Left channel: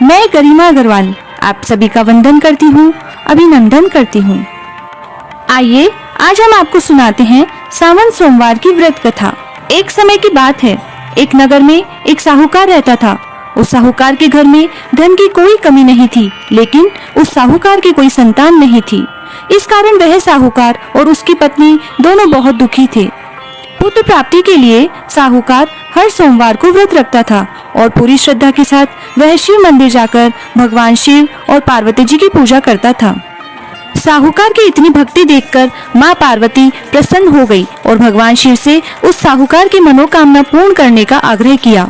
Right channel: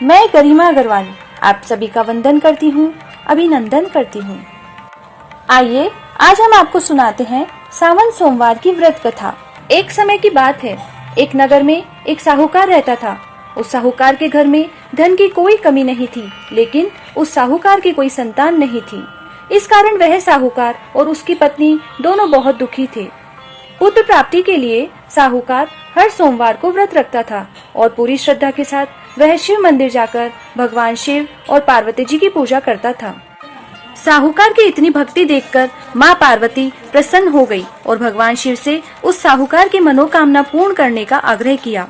मैं गरिमा अग्रवाल आप सभी का वंदन करती हूँ, अभिनंदन करती हूँ। आइए आज हम आपको सुनाते हैं सावन सोमवार की व्रत कथा। एक समय की बात है, एक नगर में एक साहूकार रहता था। उस साहूकार के घर में धन की कोई कमी नहीं थी, लेकिन उस साहूकार की कोई संतान नहीं थी। इस कारण वह साहूकार और उसकी पत्नी दोनों बहुत दुखी थे। पुत्र प्राप्ति के लिए साहूकार हर सोमवार को व्रत रखता था और पूरी श्रद्धा के साथ वह शिव मंदिर जाकर भगवान शिव और पार्वती जी की पूजा करता था। साहूकार की इतनी भक्ति देखकर माँ पार्वती प्रसन्न हो गई और भगवान शिव से उस साहूकार की मनोकामना पूर्ण करने का आग्रह किया।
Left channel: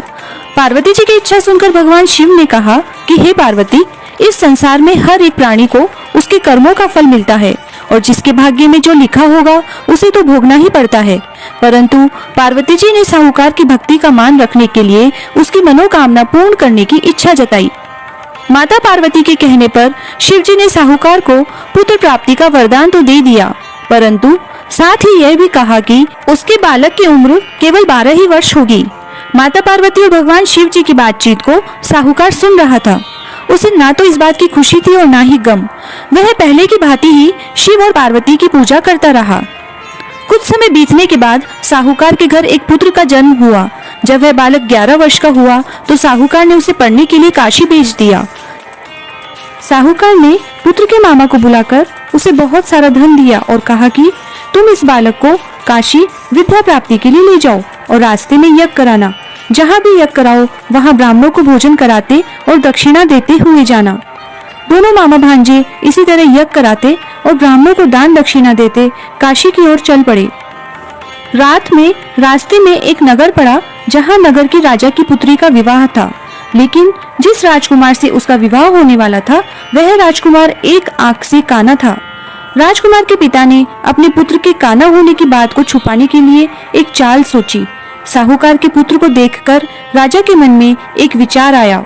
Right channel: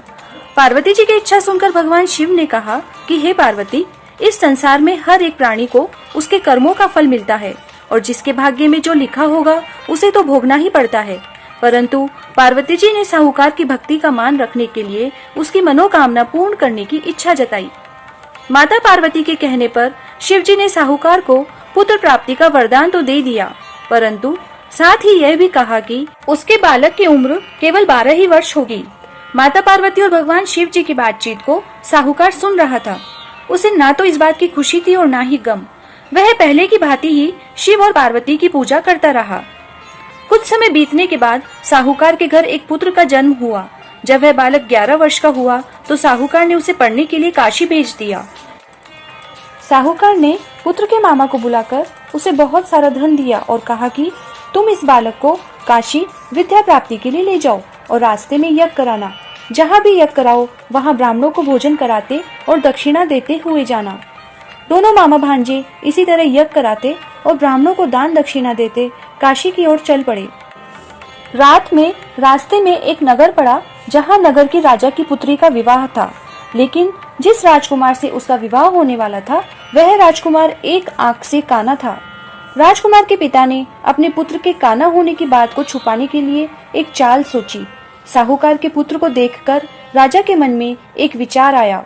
पार्वती जी की इच्छा सुनकर भगवान शिव ने कहा कि हे पार्वती, इस संसार में हर एक प्राणी को उसके कर्मों का फल मिलता है और जिसके भाग्य में जो लिखा होगा उसे तो भोगना ही पड़ता है। परंतु पार्वती जी ने साहूकार की भक्ति का मान रखने के लिए उसकी मनोकामना पूर्ण करने की इच्छा जताई। माता पार्वती के कहने पर शिव जी ने साहूकार को पुत्र प्राप्ति का वरदान तो दे दिया, परंतु साथ ही यह भी कहा कि उसके बालक की उम्र केवल 12 ही वर्ष होगी। माता पार्वती और भगवान शिव जी की बातचीत को साहूकार सुन रहा था। उसे ना तो इस बात की खुशी थी और ना ही गम। वह पहले की भांति ही शिव और पार्वती की पूजा करता रहा। कुछ समय बीतने के बाद साहूकार के घर एक पुत्र का जन्म हुआ। जब वह बालक 11 वर्ष का हुआ तो साहूकार ने उसे पढ़ने के लिए काशी भेज दिया। साहूकार ने पुत्र के मामा को बुलाकर उसे बहुत सारा धन दिया और कहा कि तुम इस बालक को काशी विद्या प्राप्ति के लिए ले जाओ और रास्ते में यज्ञ कराना। जहाँ भी यज्ञ कराओ वहाँ ब्राह्मणों को भोजन कराते और दक्षिणा देते हुए जाना। दोनों मामा भांजे इसी तरह यज्ञ कराते और ब्राह्मणों को दान दक्षिणा देते काशी की ओर चल पड़े। रात में रास्ते में एक नगर पड़ा, जहाँ नगर के राजा की पुत्री का विवाह था। लेकिन जिस राजकुमार से उसका विवाह होने वाला था वह राजकुमार एक आंख से काना था। राजकुमार के पिता ने अपने पुत्र के काना होने की बात को छुपाने के लिए एक चाल सोची। साहूकार के पुत्र को देखकर राजा के मन में एक विचार आया।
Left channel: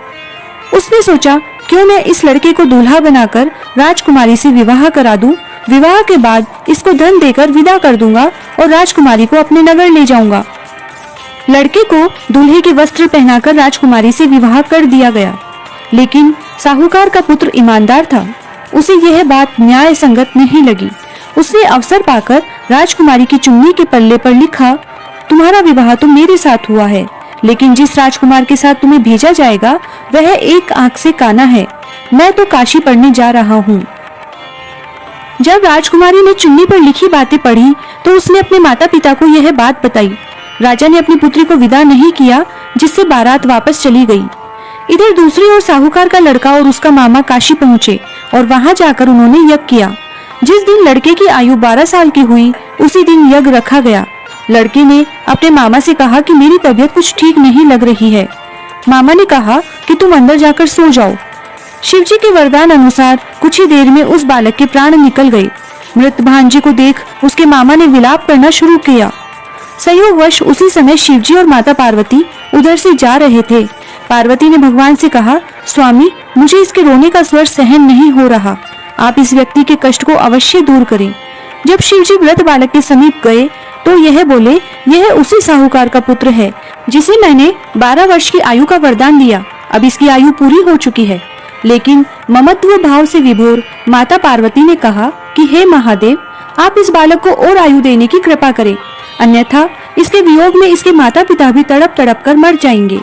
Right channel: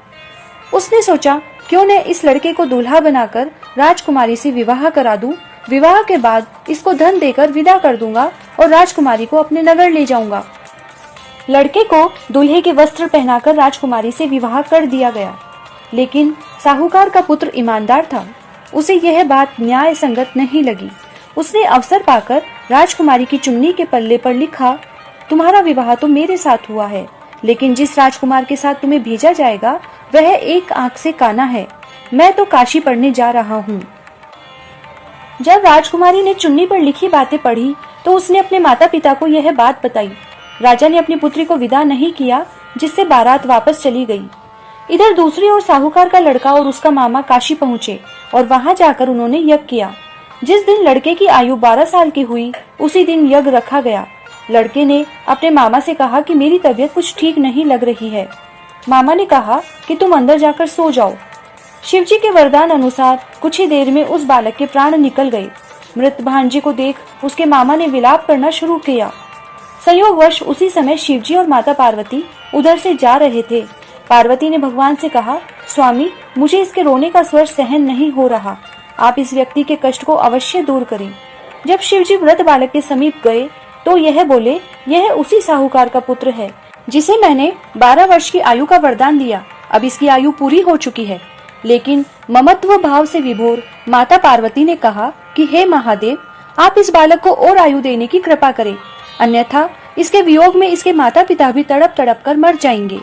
उसने सोचा, क्यों न इस लड़के को दूल्हा बनाकर राजकुमारी से विवाह करा दूं। विवाह के बाद इसको धन देकर विदा कर दूंगा और राजकुमारी को अपने नगर ले जाऊंगा। लड़के को दूल्हे के वस्त्र पहनाकर राजकुमारी से विवाह कर दिया गया। लेकिन साहूकार का पुत्र ईमानदार था, उसे यह बात न्याय संगत नहीं लगी। उसने अवसर पाकर राजकुमारी की चुन्नी के पल्ले पर लिखा, तुम्हारा विवाह तो मेरे साथ हुआ है, लेकिन जिस राजकुमार के साथ तुम्हें भेजा जाएगा वह एक आंख से काना है। मैं तो काशी पढ़ने जा रहा हूँ। जब राजकुमारी ने चुन्नी पर लिखी बातें पढ़ी तो उसने अपने माता पिता को यह बात बताई। राजा ने अपनी पुत्री को विदा नहीं किया, जिससे बारात वापस चली गई। इधर दूसरी ओर साहूकार का लड़का और उसका मामा काशी पहुँचे और वहां जाकर उन्होंने यज्ञ किया। जिस दिन लड़के की आयु 12 साल की हुई उसी दिन यज्ञ रखा गया। लड़के ने अपने मामा से कहा कि मेरी तबीयत कुछ ठीक नहीं लग रही है। मामा ने कहा कि तुम अंदर जाकर सो जाओ। शिवजी के वरदान अनुसार कुछ ही देर में उस बालक के प्राण निकल गए। मृत भांजे को देख उसके मामा ने विलाप करना शुरू किया। संयोगवश उसी समय शिवजी और माता पार्वती उधर से जा रहे थे। पार्वती ने भगवान से कहा, स्वामी, मुझे इसके रोने का स्वर सहन नहीं हो रहा। आप इस व्यक्ति के कष्ट को अवश्य दूर करें। जब शिवजी मृत बालक के समीप गए तो यह बोले, यह उसी साहूकार का पुत्र है जिसे मैंने 12 वर्ष की आयु का वरदान दिया। अब इसकी आयु पूरी हो चुकी है। लेकिन ममत्व भाव से विभोर माता पार्वती ने कहा कि हे महादेव, आप इस बालक को और आयु देने की कृपा करें, अन्यथा इसके वियोग में इसके माता पिता भी तड़प तड़प कर मर जाएंगे।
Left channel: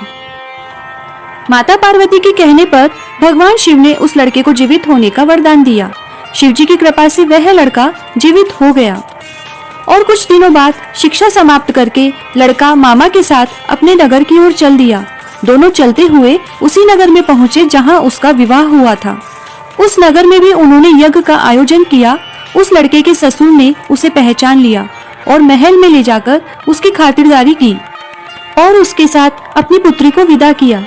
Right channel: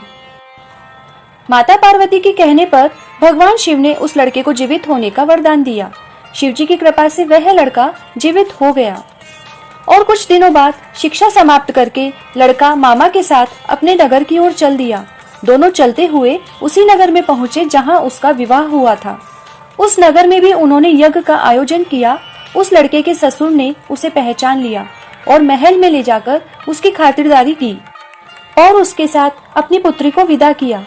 माता पार्वती के कहने पर भगवान शिव ने उस लड़के को जीवित होने का वरदान दिया। शिवजी की कृपा से वह लड़का जीवित हो गया और कुछ दिनों बाद शिक्षा समाप्त करके लड़का मामा के साथ अपने नगर की ओर चल दिया। दोनों चलते हुए उसी नगर में पहुंचे जहां उसका विवाह हुआ था। उस नगर में भी उन्होंने यज्ञ का आयोजन किया। उस लड़के के ससुर ने उसे पहचान लिया और महल में ले जाकर उसकी खातिरदारी की और उसके साथ अपनी पुत्री को विदा किया।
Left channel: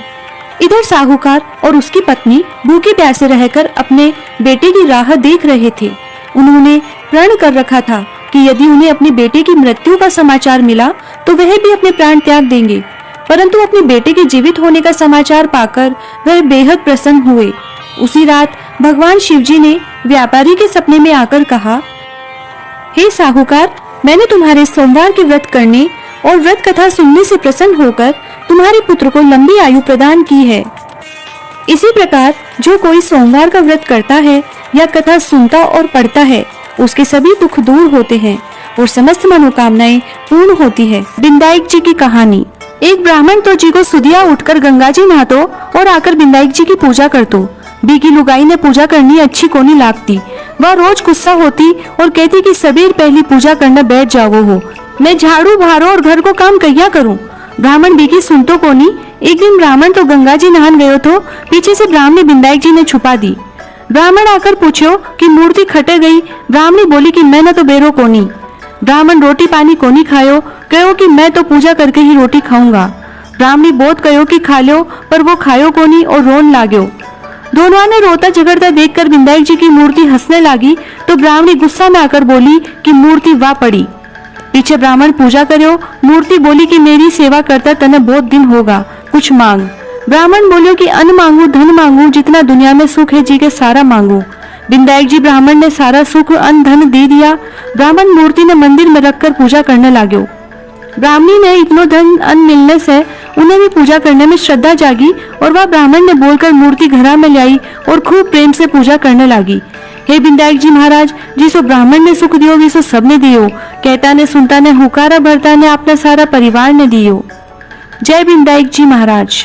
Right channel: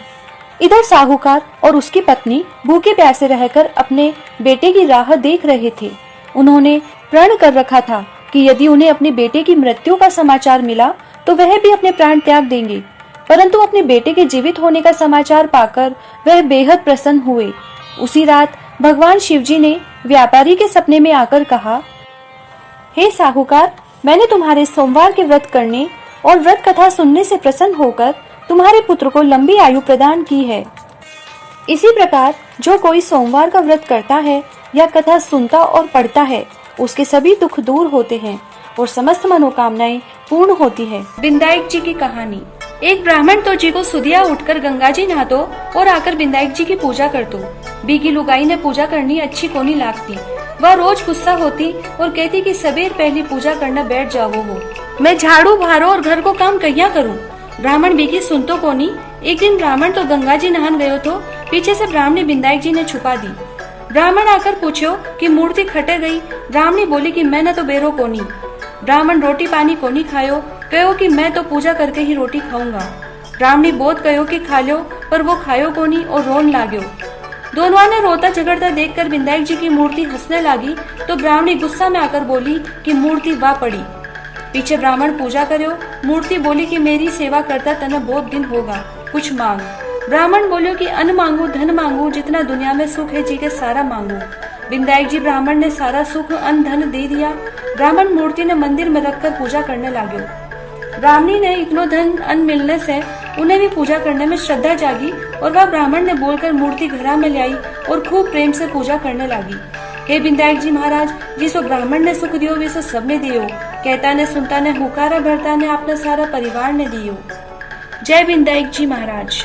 इधर साहूकार और उसकी पत्नी भूखे प्यासे रहकर अपने बेटे की राह देख रहे थे। उन्होंने प्रण कर रखा था कि यदि उन्हें अपने बेटे की मृत्यु का समाचार मिला तो वह भी अपने प्राण त्याग देंगे। परंतु अपने बेटे के जीवित होने का समाचार पाकर वह बेहद प्रसन्न हुए। उसी रात भगवान शिवजी ने व्यापारी के सपने में आकर कहा, हे साहूकार, मैंने तुम्हारे सोमवार के व्रत करने और व्रत कथा सुनने से प्रसन्न होकर तुम्हारे पुत्र को लंबी आयु प्रदान की है। इसी प्रकार जो कोई सोमवार का व्रत करता है या कथा सुनता और पढ़ता है, उसके सभी दुख दूर होते हैं और समस्त मनोकामनाएं पूर्ण होती है। बिंदाईक जी की कहानी। एक ब्राह्मण तो जी को सुदिया उठकर गंगा जी नहातो और आकर बिंदाईक जी की पूजा करतो। बी की लुगाई ने पूजा करनी अच्छी कोनी लागती। वह रोज गुस्सा होती और कहती कि सबेर पहली पूजा करने बैठ जाओ हो, मैं झाड़ू भारो और घर को काम कहिया करूं। ब्राह्मण बी की सुनतो कोनी। एक दिन ब्राह्मण तो गंगा जी नहान गयो तो पीछे से ब्राह्मणी बिंदाईक जी ने छुपा दी। ब्राह्मण आकर पूछो कि मूर्ति खटे गई। ब्राह्मणी बोली कि मैं न तो बेरो कोनी। ब्राह्मण रोटी पानी कोनी खायो, कहो कि मैं तो पूजा करके ही रोटी खाऊंगा। ब्राह्मणी बोध कहो कि खा लो, पर वो खायो कोनी और रोन लाग्यो। दोनों ने रोता झगड़ता देखकर बिंदाईक जी की मूर्ति हंसने लगी तो ब्राह्मणी गुस्सा में आकर बोली कि मूर्ति वाह पड़ी। पीछे ब्राह्मण पूजा करो। मूर्ति बोली कि मेरी सेवा करता तने बहुत दिन होगा, कुछ मांग। ब्राह्मण बोलियो कि अन्न मांगू, धन मांगू, जितना दुनिया में सुख है जी के सारा मांगू। बिंदाईक जी ब्राह्मण ने सारा सुख अन्न धन दे दिया। ब्राह्मण मूर्ति ने मंदिर में रखकर पूजा करने लाग्यो। ब्राह्मणी ने इतनो धन अन्न मिलने से उन्हें भी पूजा करने में श्रद्धा जागी और वह ब्राह्मण ने बोलकर मूर्ति घरा में लाई और खूब प्रेम से पूजा करने लगी। हे बिंदाईक जी महाराज, जिसो ब्राह्मण ने सुख दियो विसो सबने दियो। कहता ने सुनता ने हुकारा भरता ने अपना सारा परिवार ने दियो। जय बिंदाईक जी महाराज।